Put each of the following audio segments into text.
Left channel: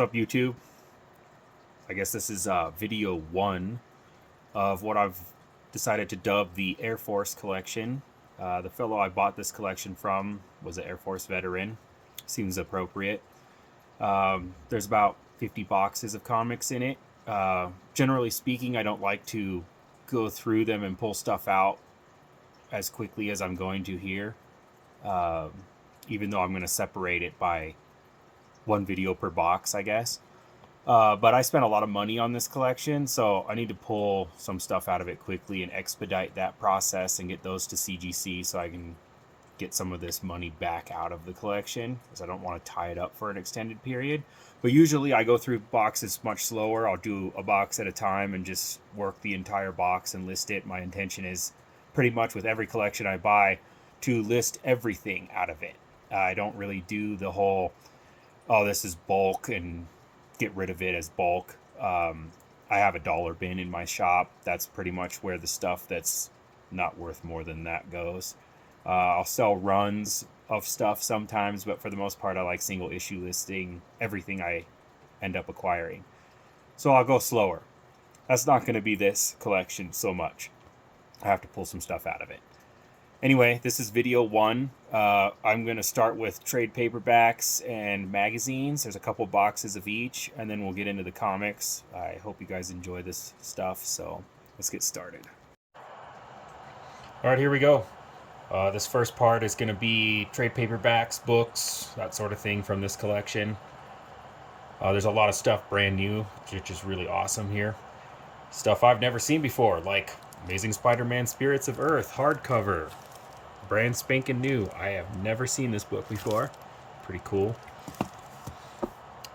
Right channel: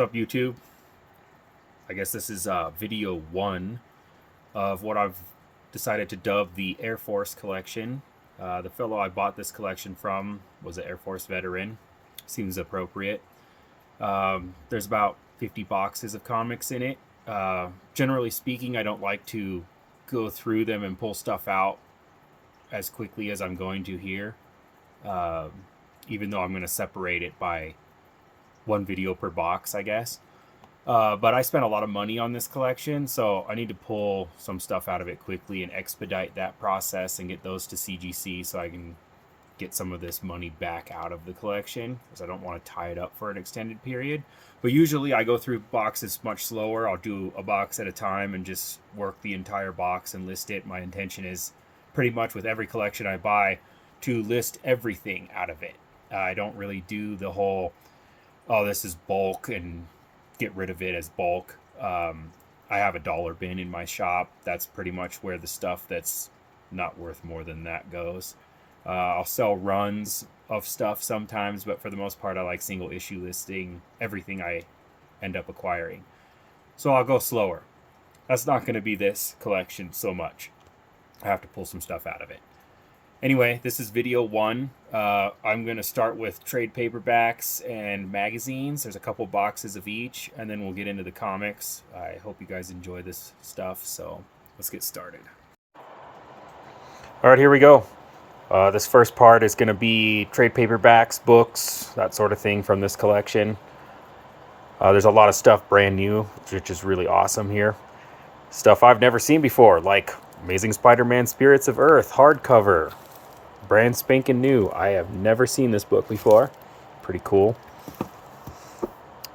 What's up, YouTube? I guess this is video 1 of what I've decided to dub the Airforce collection. The fellow I bought this collection from was an Airforce veteran. Seems appropriate. There's about 50 boxes of comics in it. Generally speaking, I don't like to go through them and pull stuff out as quickly as I'm going to here. Even though I'm going to separate it by one video per box, I guess. But I spent a lot of money on this collection, so I need to pull some stuff out of it quickly and expedite that process and get those to CGC so I can get some of this money back out of the collection, because I don't want to tie it up for an extended period. But usually I go through boxes much slower. I'll do a box at a time and just work the entire box and list it. My intention is pretty much with every collection I buy to list everything out of it. I don't really do the whole, oh, this is bulk and get rid of it as bulk. I have a dollar bin in my shop. That's pretty much where the stuff that's not worth more than that goes. I'll sell runs of stuff sometimes, but for the most part I like single issue listing everything I end up acquiring. So I'll go slower. That's not going to be this collection so much. I have to pull some stuff out of it. Anyway, this is video 1. I'm going to start with trade paperbacks and magazines. There's a couple boxes of each, and then we'll get into the comics. I hope you guys enjoy this stuff, so let's get started. All right, here we go. This first part is going to be trade paperbacks, books, that sort of thing from this collection. There's a lot of stuff brand new, which is really awesome here. Stuff I've never seen before, like Amazing Spider-Man Spirits of Earth hardcover. Brand spanking new. I have never seen this book before. Pretty cool.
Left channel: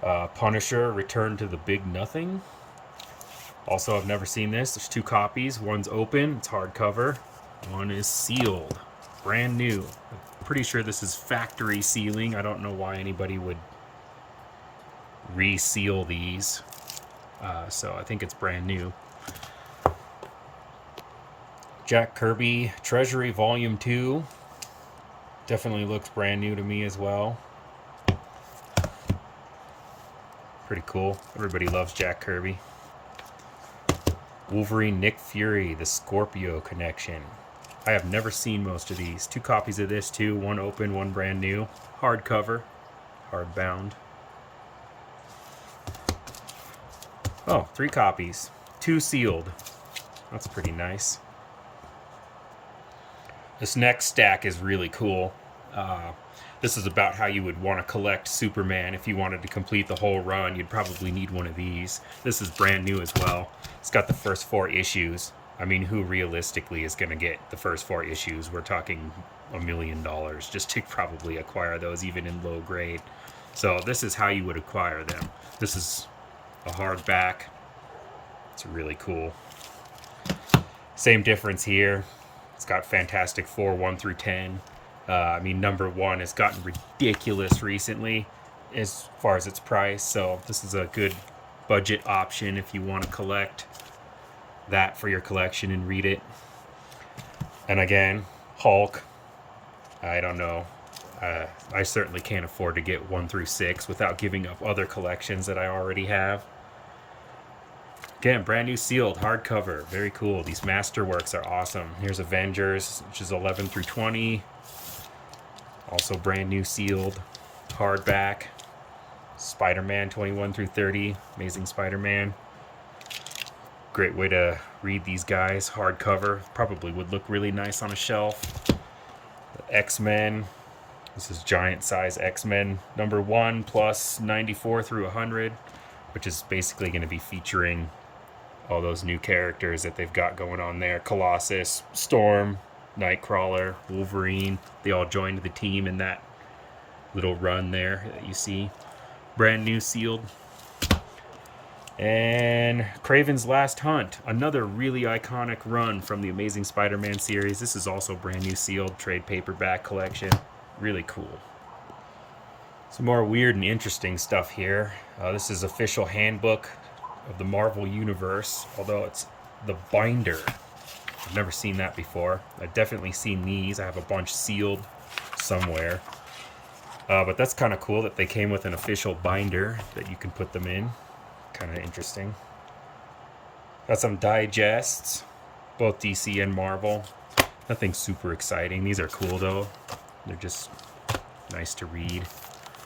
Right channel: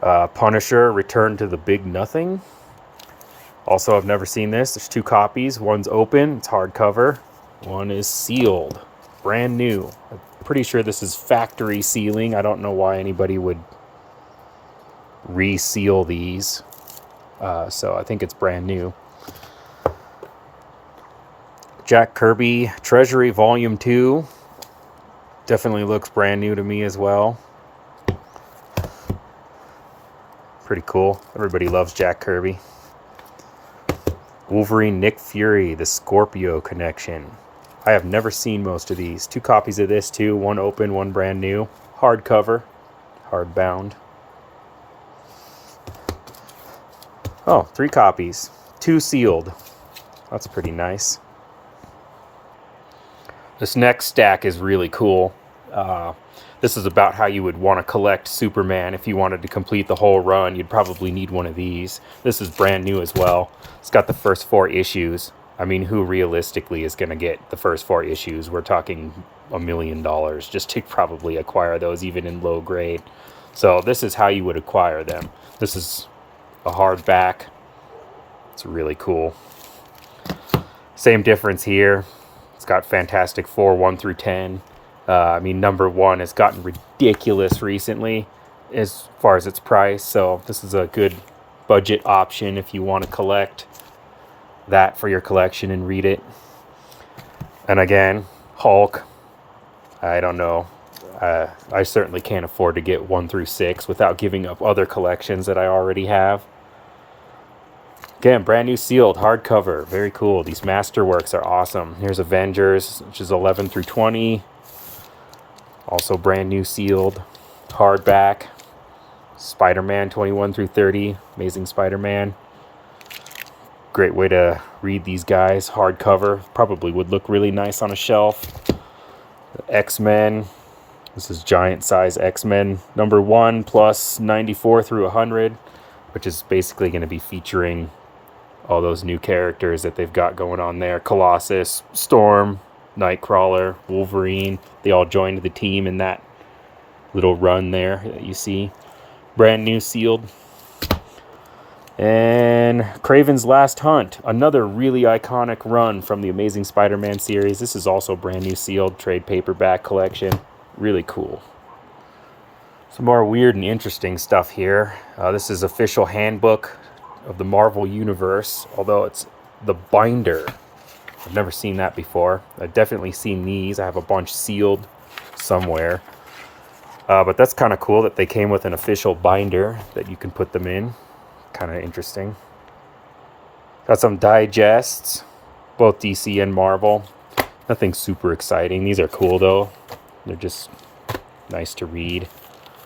Punisher, Return to the Big Nothing. Also, I've never seen this. There's 2 copies. One's open, it's hardcover. One is sealed. Brand new. I'm pretty sure this is factory sealing. I don't know why anybody would reseal these. So I think it's brand new. Jack Kirby Treasury Volume 2. Definitely looks brand new to me as well. Pretty cool. Everybody loves Jack Kirby. Wolverine Nick Fury, the Scorpio Connection. I have never seen most of these. 2 copies of this too. One open, one brand new. Hardcover. Hardbound. Oh, 3 copies. 2 sealed. That's pretty nice. This next stack is really cool. This is about how you would want to collect Superman. If you wanted to complete the whole run, you'd probably need one of these. This is brand new as well. It's got the first 4 issues. I mean, who realistically is going to get the first 4 issues? We're talking $1 million just to probably acquire those, even in low grade. So this is how you would acquire them. This is a hardback. It's really cool. Same difference here. It's got Fantastic Four 1 through 10. I mean, number 1 has gotten ridiculous recently as far as its price. So this is a good budget option if you want to collect that for your collection and read it. And again, Hulk. I don't know. I certainly can't afford to get 1 through 6 without giving up other collections that I already have. Again, brand new sealed hardcover. Very cool. These masterworks are awesome. Here's Avengers, which is 11 through 20. Also brand new sealed hardback. Spider-Man 21 through 30. Amazing Spider-Man. Great way to read these guys. Hardcover. Probably would look really nice on a shelf. X-Men. This is giant size X-Men number 1 plus 94 through 100, which is basically going to be featuring all those new characters that they've got going on there. Colossus, Storm, Nightcrawler, Wolverine. They all joined the team in that little run there that you see. Brand new sealed. And Kraven's Last Hunt. Another really iconic run from the Amazing Spider-Man series. This is also brand new sealed trade paperback collection. Really cool. Some more weird and interesting stuff here. This is official handbook of the Marvel Universe, although it's the binder. I've never seen that before. I've definitely seen these. I have a bunch sealed somewhere. But that's kind of cool that they came with an official binder that you can put them in. Kind of interesting. Got some digests, both DC and Marvel. Nothing super exciting. These are cool though. They're just nice to read.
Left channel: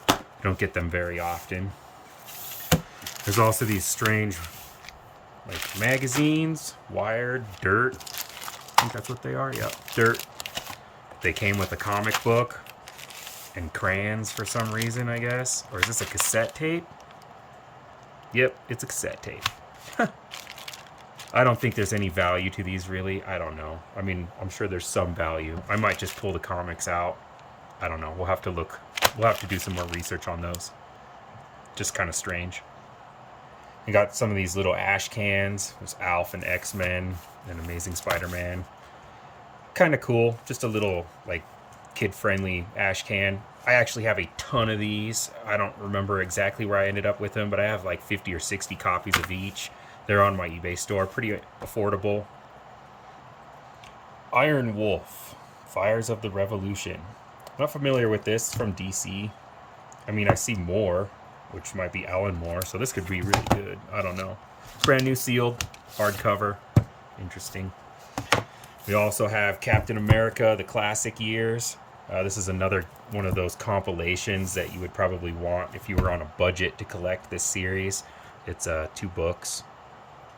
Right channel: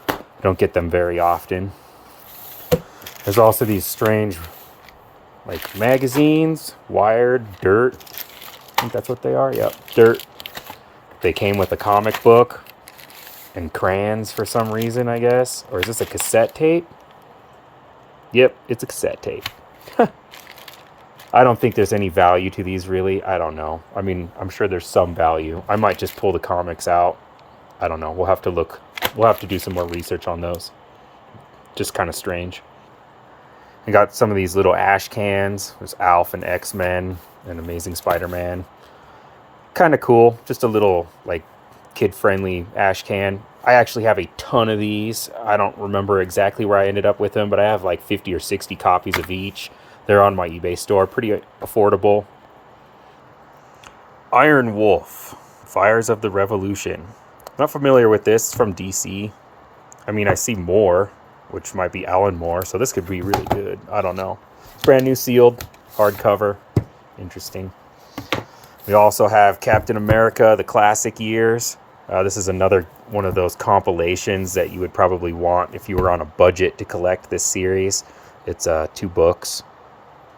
I don't get them very often. There's also these strange like magazines, Wired, Dirt. I think that's what they are. Yep, Dirt. They came with a comic book and crayons for some reason, I guess. Or is this a cassette tape? Yep, it's a cassette tape. I don't think there's any value to these, really. I don't know. I mean, I'm sure there's some value. I might just pull the comics out. I don't know. We'll have to look. We'll have to do some more research on those. Just kind of strange. I got some of these little ash cans. There's Alf and X-Men and Amazing Spider-Man. Kind of cool. Just a little, like, kid-friendly ash can. I actually have a ton of these. I don't remember exactly where I ended up with them, but I have like 50 or 60 copies of each. They're on my eBay store. Pretty affordable. Iron Wolf, Fires of the Revolution. Not familiar with this. From DC. I mean, I see more, which might be Alan Moore, so this could be really good. I don't know. Brand new sealed, hardcover. Interesting. We also have Captain America, the classic years. This is another one of those compilations that you would probably want if you were on a budget to collect this series. It's 2 books,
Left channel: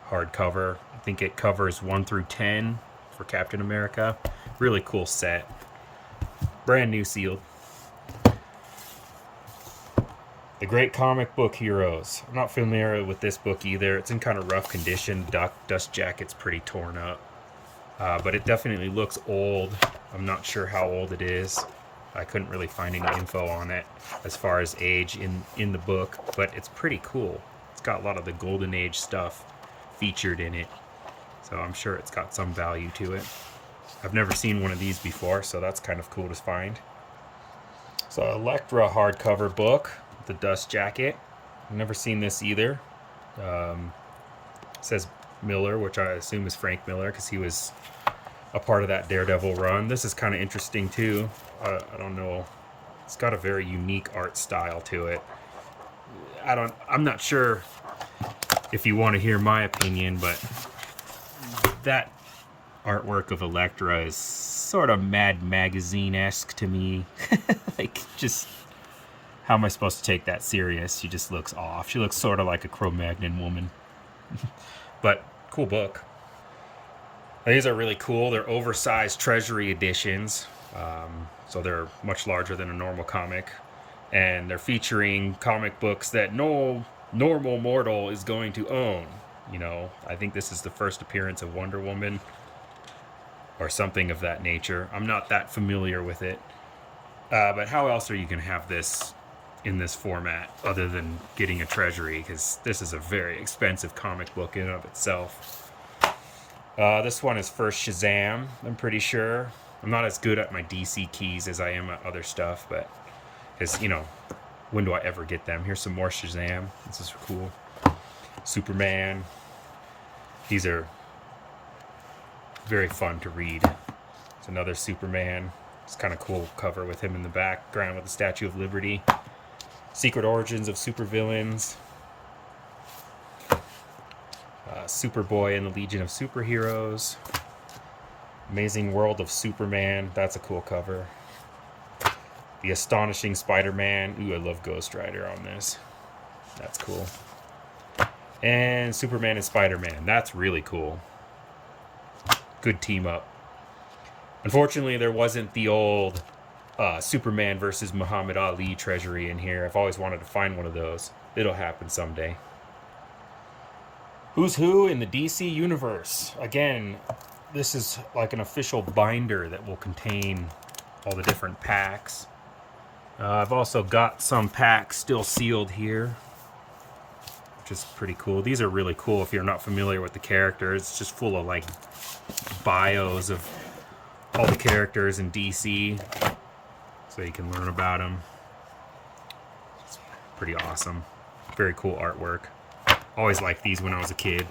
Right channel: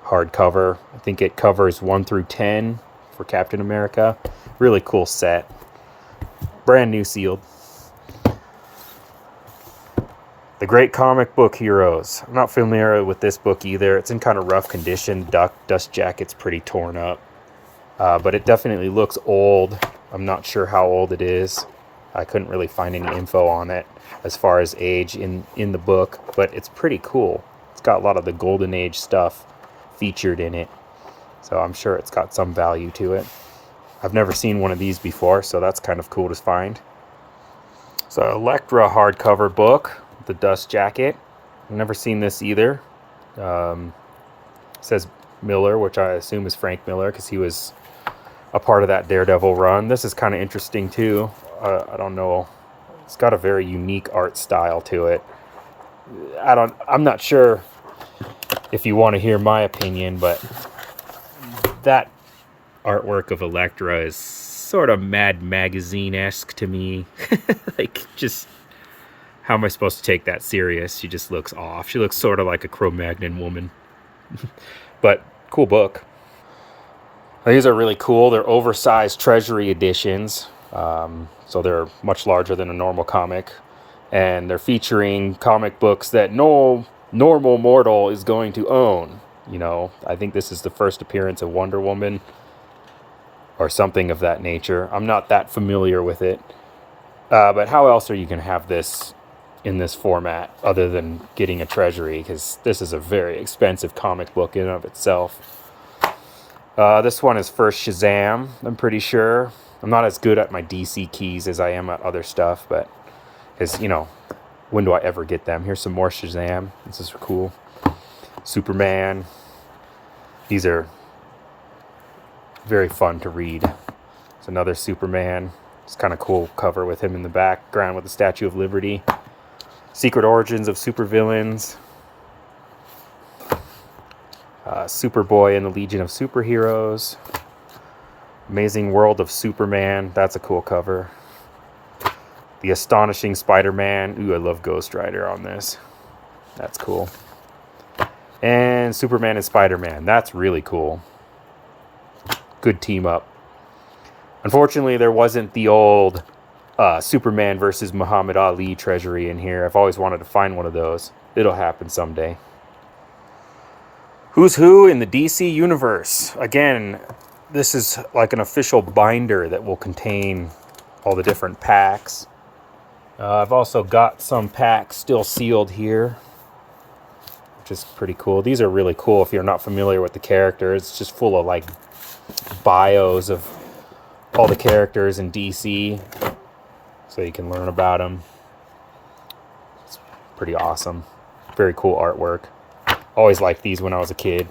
hardcover. I think it covers 1 through 10 for Captain America. Really cool set. Brand new sealed. The Great Comic Book Heroes. I'm not familiar with this book either. It's in kind of rough condition. Dust jacket's pretty torn up. But it definitely looks old. I'm not sure how old it is. I couldn't really find any info on it as far as age in the book, but it's pretty cool. It's got a lot of the Golden Age stuff featured in it, so I'm sure it's got some value to it. I've never seen one of these before, so that's kind of cool to find. So Elektra hardcover book, the dust jacket. I've never seen this either. It says Miller, which I assume is Frank Miller because he was a part of that Daredevil run. This is kind of interesting too. I don't know. It's got a very unique art style to it. I'm not sure if you want to hear my opinion, but that artwork of Elektra is sort of Mad Magazine-esque to me. Like, just how am I supposed to take that serious? She just looks off. She looks sort of like a Cro-Magnon woman. But cool book. These are really cool. They're oversized treasury editions. So they're much larger than a normal comic. And they're featuring comic books that no normal mortal is going to own. You know, I think this is the first appearance of Wonder Woman or something of that nature. I'm not that familiar with it. But how else are you going to have this in this format other than getting a treasury? Because this is a very expensive comic book in and of itself. This one is first Shazam, I'm pretty sure. I'm not as good at my DC keys as I am at other stuff, but because, you know, when do I ever get them? Here's some more Shazam. This is cool. Superman. These are very fun to read. It's another Superman. It's kind of cool cover with him in the background with the Statue of Liberty. Secret Origins of Supervillains. Superboy and the Legion of Superheroes. Amazing World of Superman. That's a cool cover. The Astonishing Spider-Man. Ooh, I love Ghost Rider on this. That's cool. And Superman and Spider-Man. That's really cool. Good team up. Unfortunately, there wasn't the old Superman versus Muhammad Ali treasury in here. I've always wanted to find one of those. It'll happen someday. Who's Who in the DC Universe. Again, this is like an official binder that will contain all the different packs. I've also got some packs still sealed here, which is pretty cool. These are really cool if you're not familiar with the characters. It's just full of like bios of all the characters in DC, so you can learn about them. It's pretty awesome. Very cool artwork. Always liked these when I was a kid.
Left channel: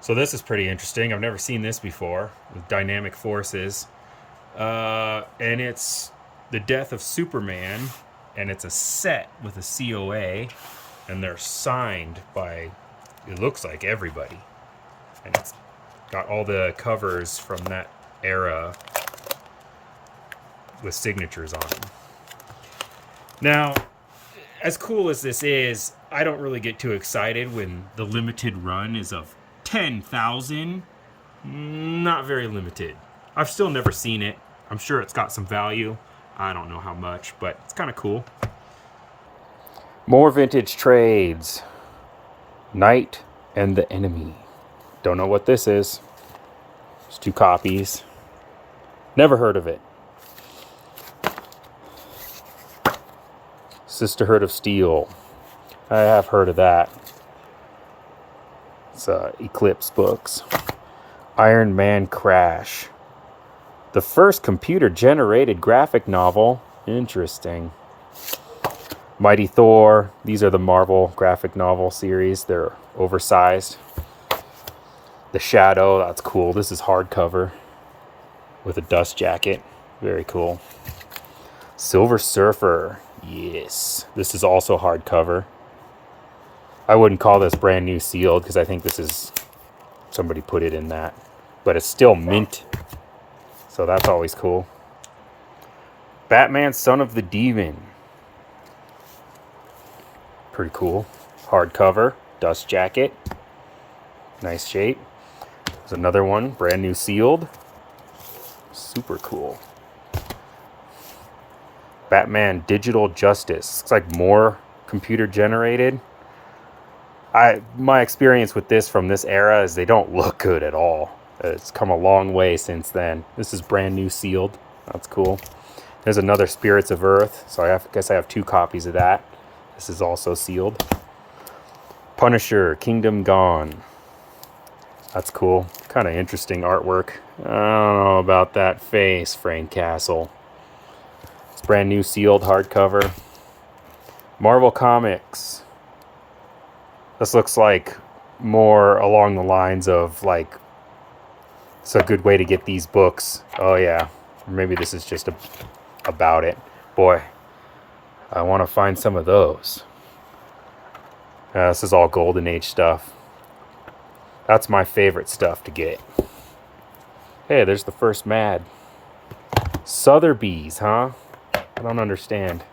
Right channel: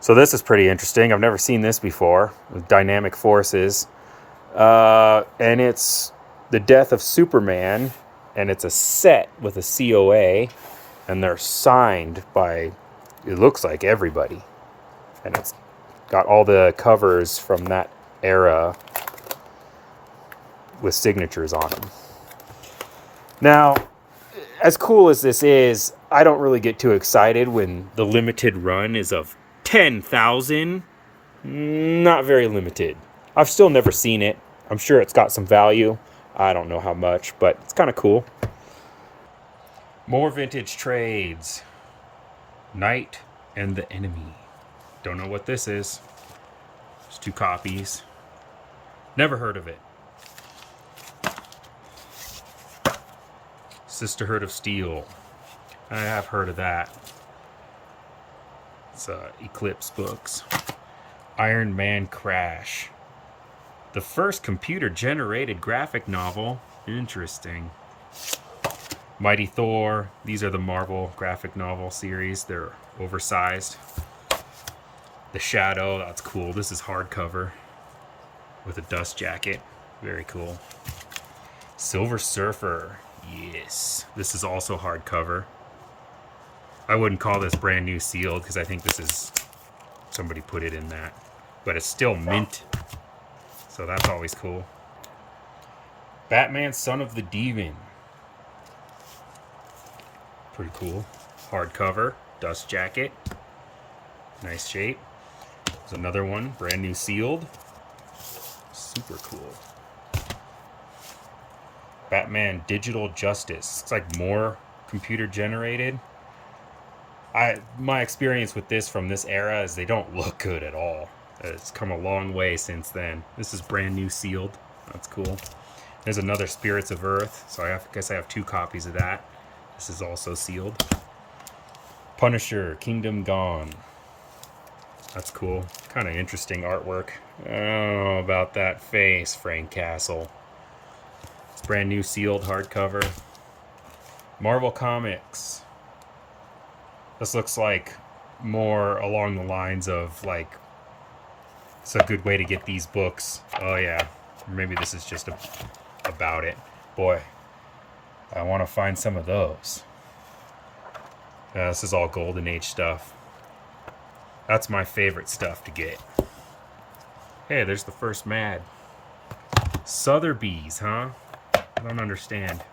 So this is pretty interesting. I've never seen this before. Dynamic Forces. And it's The Death of Superman, and it's a set with a COA, and they're signed by, it looks like, everybody. And it's got all the covers from that era with signatures on them. Now, as cool as this is, I don't really get too excited when the limited run is of 10,000. Not very limited. I've still never seen it. I'm sure it's got some value. I don't know how much, but it's kind of cool. More vintage trades. Knight and the Enemy. Don't know what this is. It's 2 copies. Never heard of it. Sisterhood of Steel. I have heard of that. It's Eclipse books. Iron Man Crash. The first computer-generated graphic novel. Interesting. Mighty Thor. These are the Marvel graphic novel series. They're oversized. The Shadow. That's cool. This is hardcover with a dust jacket. Very cool. Silver Surfer. Yes. This is also hardcover. I wouldn't call this brand new sealed because I think this is... somebody put it in that. But it's still mint. So that's always cool. Batman Son of the Demon. Pretty cool. Hardcover. Dust jacket. Nice shape. There's another one. Brand new sealed. Super cool. Batman Digital Justice. Looks like more computer generated. My experience with this from this era is they don't look good at all. It's come a long way since then. This is brand new sealed. That's cool. There's another Spirits of Earth. So I guess I have 2 copies of that. This is also sealed. Punisher, Kingdom Gone. That's cool. Kind of interesting artwork. I don't know about that face, Frank Castle. It's brand new sealed hardcover. Marvel Comics. This looks like more along the lines of like, it's a good way to get these books. Oh yeah. Or maybe this is just about it. Boy, I want to find some of those. This is all Golden Age stuff. That's my favorite stuff to get. Hey, there's the first Mad. Sotheby's, huh? I don't understand.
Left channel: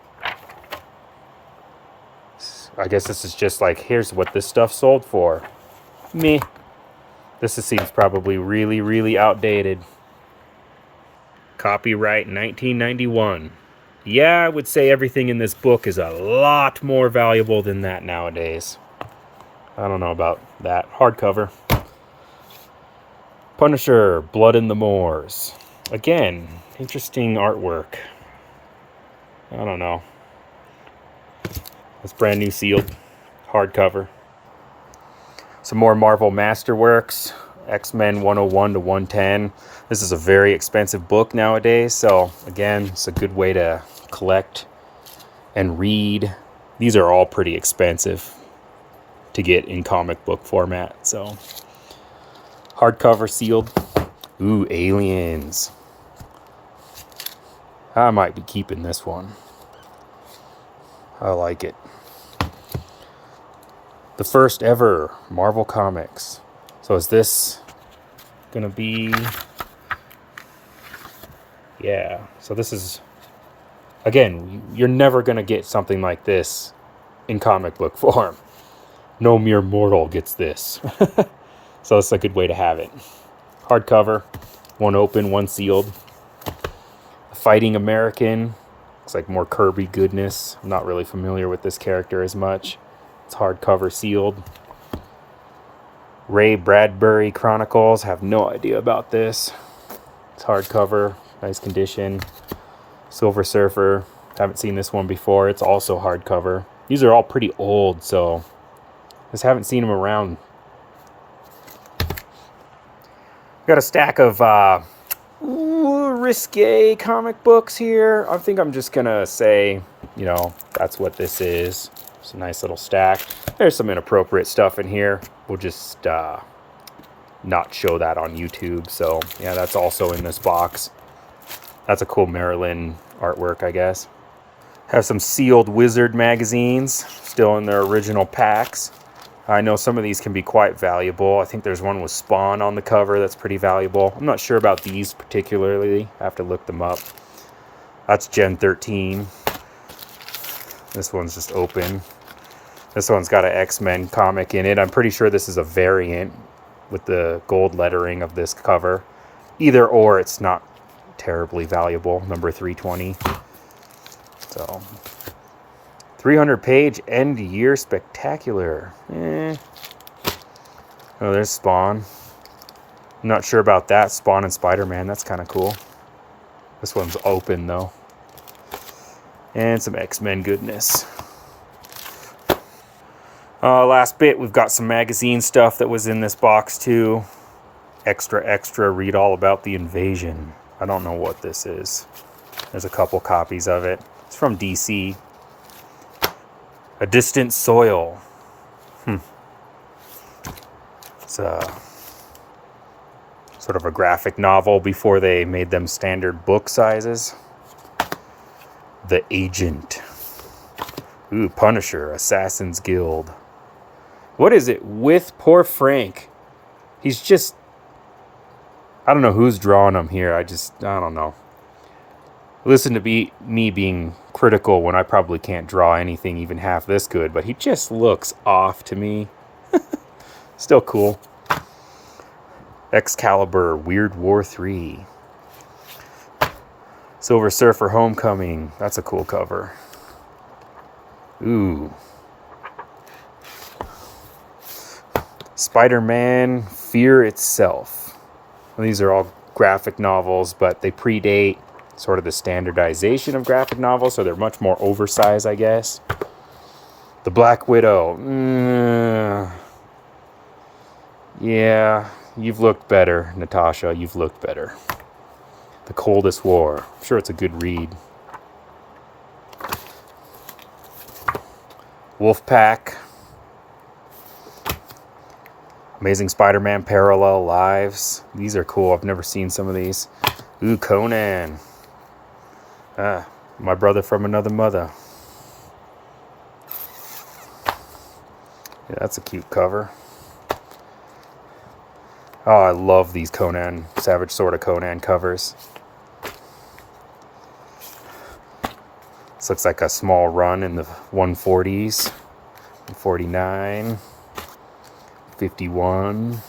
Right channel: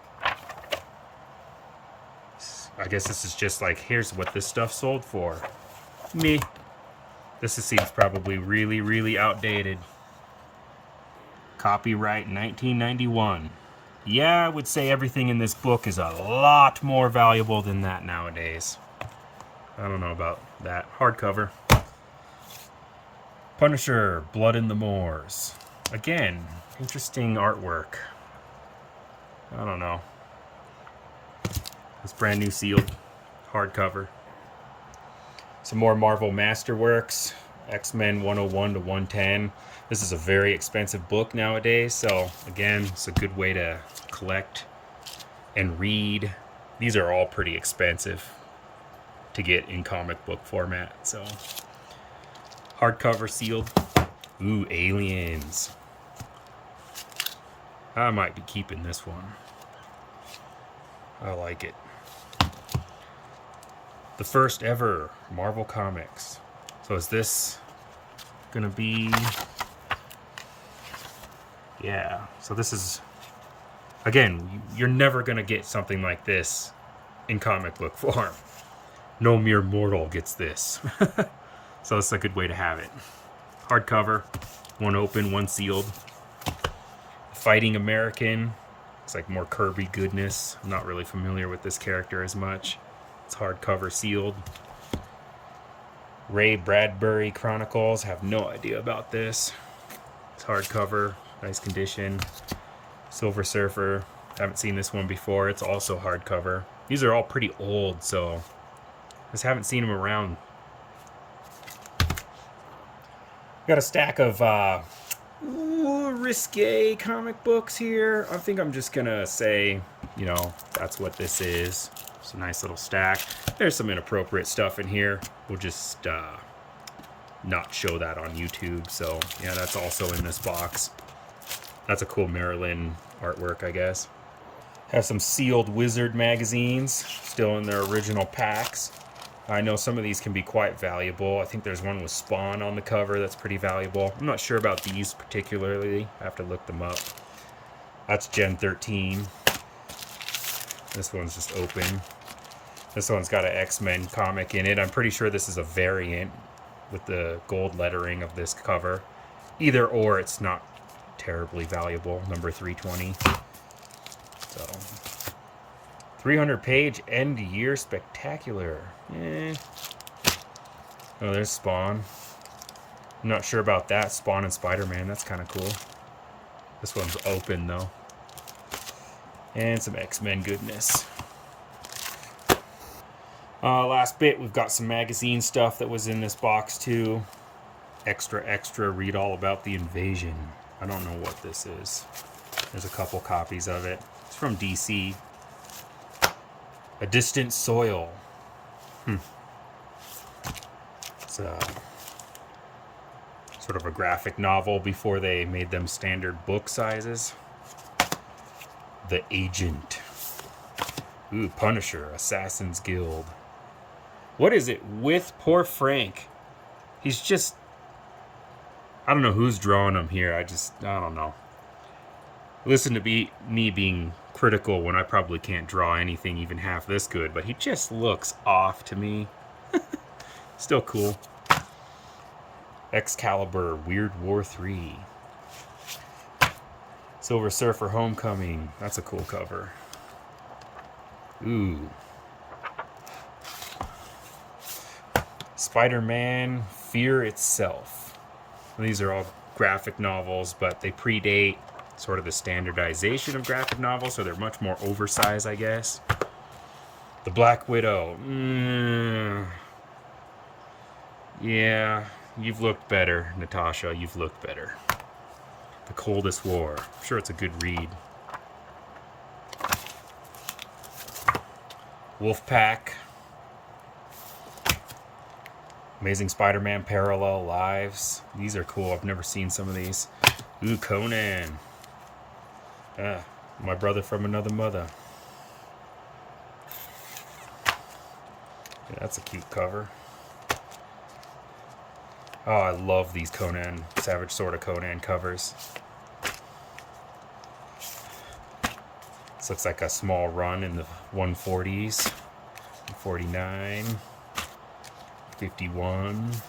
I guess this is just like, here's what this stuff sold for. Meh. This seems probably really, really outdated. Copyright 1991. Yeah, I would say everything in this book is a lot more valuable than that nowadays. I don't know about that. Hardcover. Punisher, Blood in the Moors. Again, interesting artwork. I don't know. That's brand new sealed. Hardcover. Some more Marvel Masterworks. X-Men 101 to 110. This is a very expensive book nowadays, so again, it's a good way to collect and read. These are all pretty expensive to get in comic book format, so hardcover sealed. Ooh, Aliens. I might be keeping this one. I like it. The first ever Marvel Comics. So is this gonna be... Yeah, so this is... Again, you're never gonna get something like this in comic book form. No mere mortal gets this. So it's a good way to have it. Hardcover, one open, one sealed. Fighting American. Looks like more Kirby goodness. I'm not really familiar with this character as much. It's hardcover sealed. Ray Bradbury Chronicles. Have no idea about this. It's hardcover. Nice condition. Silver Surfer. Haven't seen this one before. It's also hardcover. These are all pretty old, so just haven't seen them around. Got a stack of risque comic books here. I think I'm just gonna say, you know, that's what this is. It's a nice little stack. There's some inappropriate stuff in here. We'll just not show that on YouTube. So yeah, that's also in this box. That's a cool Marilyn artwork, I guess. Have some sealed Wizard magazines, still in their original packs. I know some of these can be quite valuable. I think there's one with Spawn on the cover that's pretty valuable. I'm not sure about these particularly. I have to look them up. That's Gen 13. This one's just open. This one's got an X-Men comic in it. I'm pretty sure this is a variant with the gold lettering of this cover. Either or, it's not terribly valuable. Number 320. So, 300-page end-year spectacular. Oh, there's Spawn. I'm not sure about that. Spawn and Spider-Man. That's kind of cool. This one's open, though. And some X-Men goodness. Last bit, we've got some magazine stuff that was in this box, too. Extra, read all about the invasion. I don't know what this is. There's a couple copies of it. It's from DC. A Distant Soil. It's sort of a graphic novel before they made them standard book sizes. The Agent. Ooh, Punisher, Assassin's Guild. What is it with poor Frank? He's just... I don't know who's drawing him here. I don't know. Listen to me being critical when I probably can't draw anything even half this good, but he just looks off to me. Still cool. Excalibur, Weird War 3. Silver Surfer Homecoming. That's a cool cover. Ooh. Spider-Man, Fear Itself. And these are all graphic novels, but they predate sort of the standardization of graphic novels, so they're much more oversized, I guess. The Black Widow. Yeah, you've looked better, Natasha. You've looked better. The Coldest War. I'm sure it's a good read. Wolfpack. Amazing Spider-Man Parallel Lives. These are cool. I've never seen some of these. Ooh, Conan. My brother from another mother. Yeah, that's a cute cover. Oh, I love these Conan, Savage Sword of Conan covers. This looks like a small run in the 140s. 149. 51.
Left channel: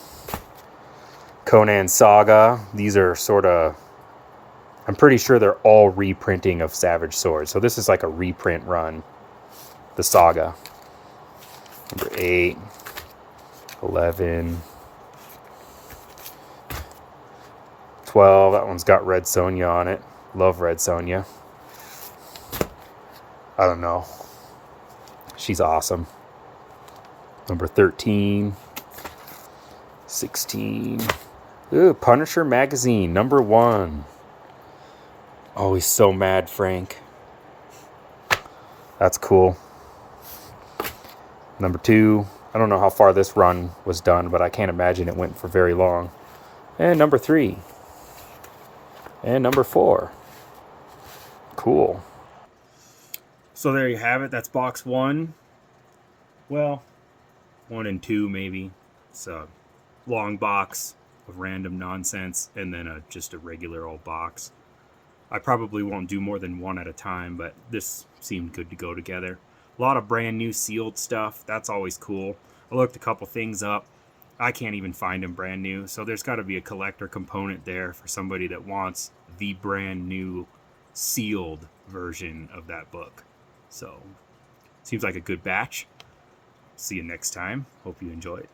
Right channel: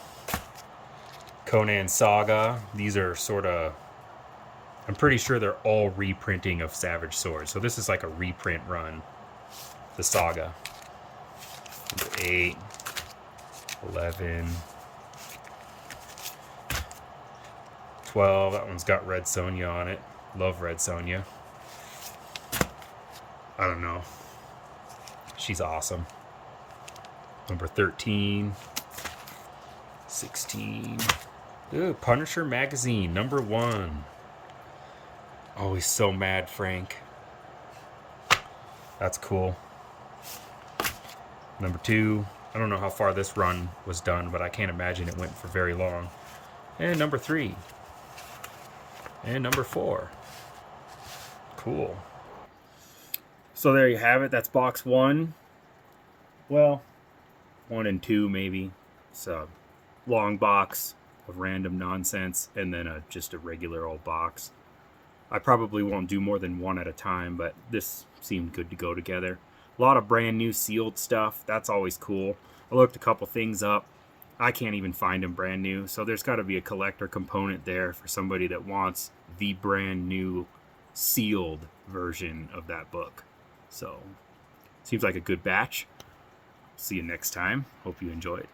Conan Saga. These are sort of... I'm pretty sure they're all reprinting of Savage Sword. So this is like a reprint run. The Saga. Number 8. 11. 12. That one's got Red Sonja on it. Love Red Sonja. I don't know. She's awesome. Number 13. 16. Ooh, Punisher Magazine. Number 1. Oh, he's so mad, Frank. That's cool. Number 2. I don't know how far this run was done, but I can't imagine it went for very long. And number 3. And number 4. Cool. So there you have it. That's box 1. Well, 1 and 2 maybe. It's a long box of random nonsense, and then just a regular old box. I probably won't do more than one at a time, but this seemed good to go together. A lot of brand new sealed stuff. That's always cool. I looked a couple things up. I can't even find them brand new, so there's got to be a collector component there for somebody that wants the brand new sealed version of that book. So, seems like a good batch. See you next time. Hope you enjoyed.